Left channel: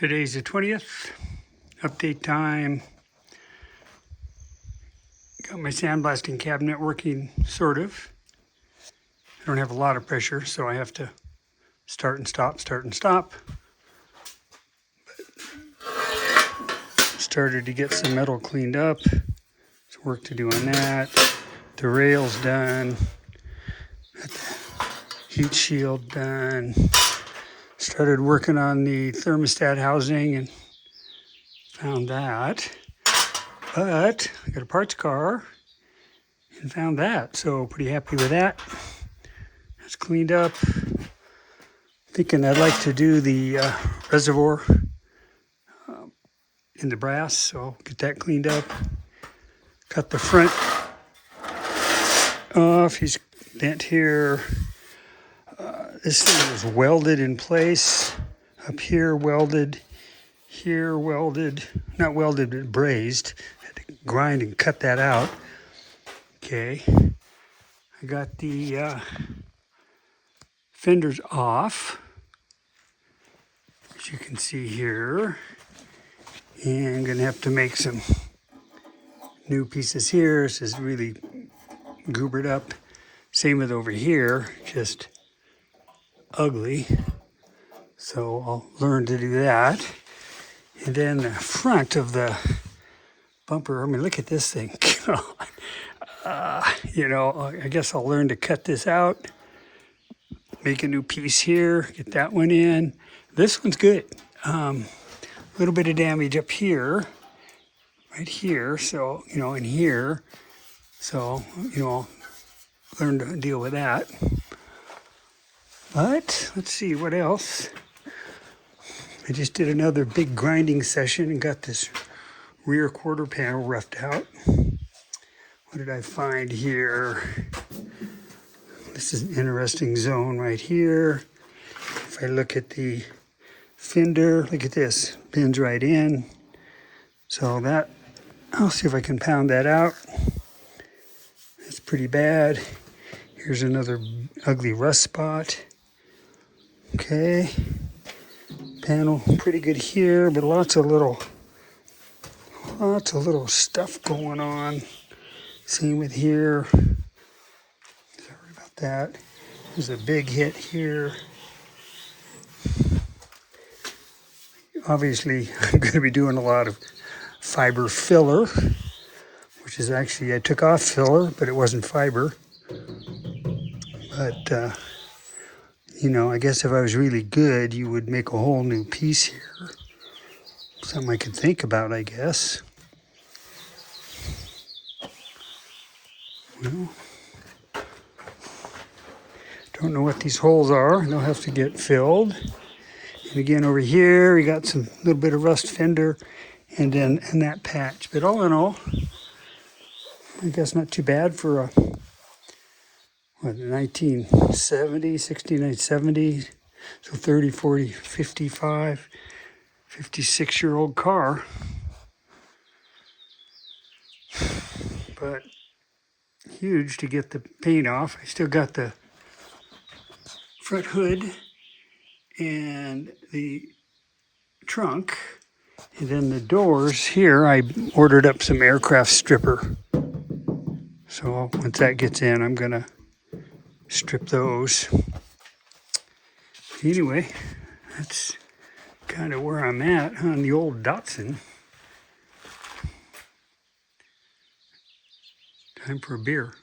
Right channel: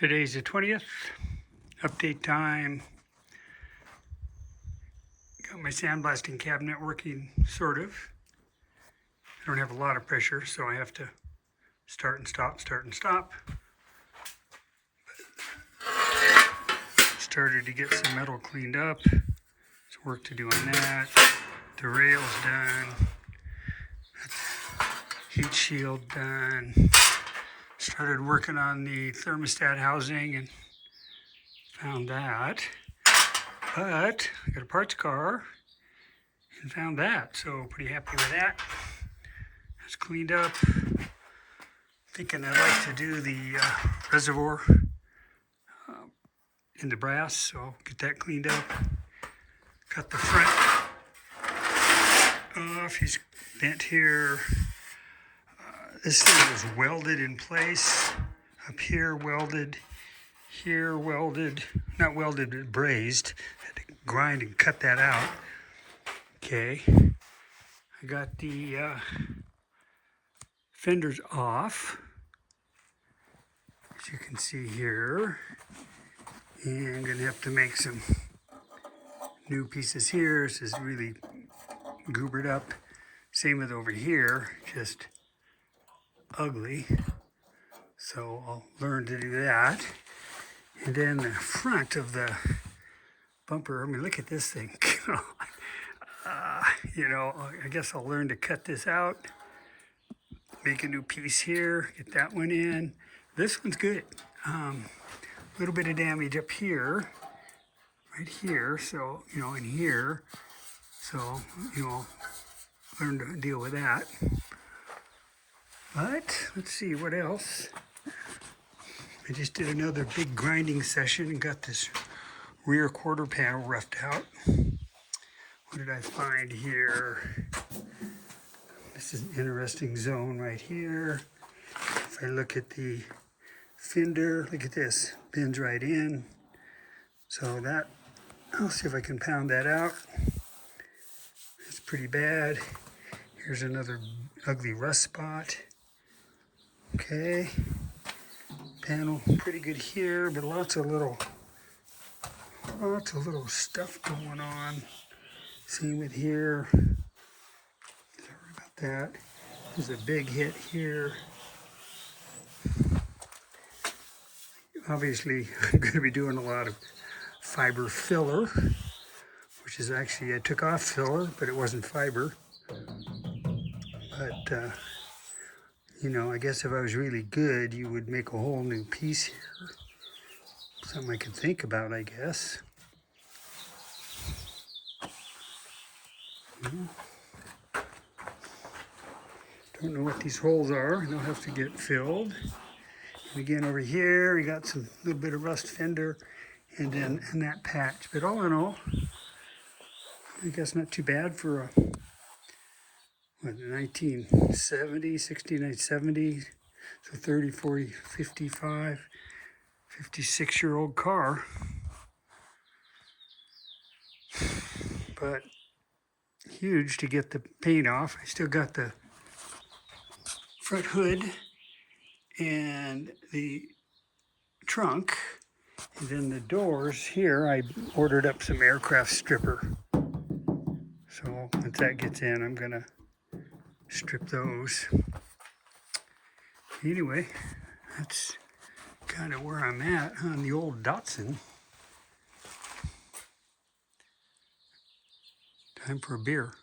Today's the 20th, update time. Got my sandblasting cabinet working, sort of. I don't have a lot of pressure, so I have to start and stop. Started to get some metal cleaned up. There's work to do on that. The rail's done. Got the heat shield done. Started working on the thermostat housing and found that. But I got a parts car and found that, so pretty happy with that. It's cleaned up. Thinking I'd like to do the reservoir in the brass, so get that cleaned up. Cut the front off. He's bent here. This thing was welded in place. Up here welded. Here welded. Not welded, but brazed. Had to grind and cut that out. Okay. I got the fenders off, as you can see here. And I'm gonna have to make some new pieces here. This is really goobered up. Same with over here, just ugly. So I'll learn to do that. And then the front of the bumper, I mean, look at this thing. I guess I'll learn to cut this out. Make a new piece here, get that one in. This one's good. A little bit of damage up here, right here. So, in here. So, learn to deal with that. But let's see what else. I just did another big grinding session and got this rear quarter panel roughed out. What did I find here? This is an interesting zone right here. If I look at the fender, look at this, bends right in. So that, I'll see if I can pound that out. That's pretty bad. Here's another ugly rust spot. Okay, panel pretty good here, but lots of little stuff going on. Same with here. Sorry about that. There's a big hit here. Obviously, I'm going to be doing a lot of fiber filler, which is actually, I took off filler, but it wasn't fiber. But, I guess if I was really good, you would make a whole new piece here. Something I could think about, I guess. Well, don't know what these holes are. They'll have to get filled. And again, over here, we got some little bit of rust fender and then that patch. But all in all, I think that's not too bad for a 1970, 69, 70, so 30, 40, 55, 56-year-old car. But huge to get the paint off. I still got the front hood and the trunk. And then the doors here, I ordered up some aircraft stripper. So once that gets in, I'm gonna strip those. Anyway, that's kind of where I'm at on the old Datsun. Time for a beer.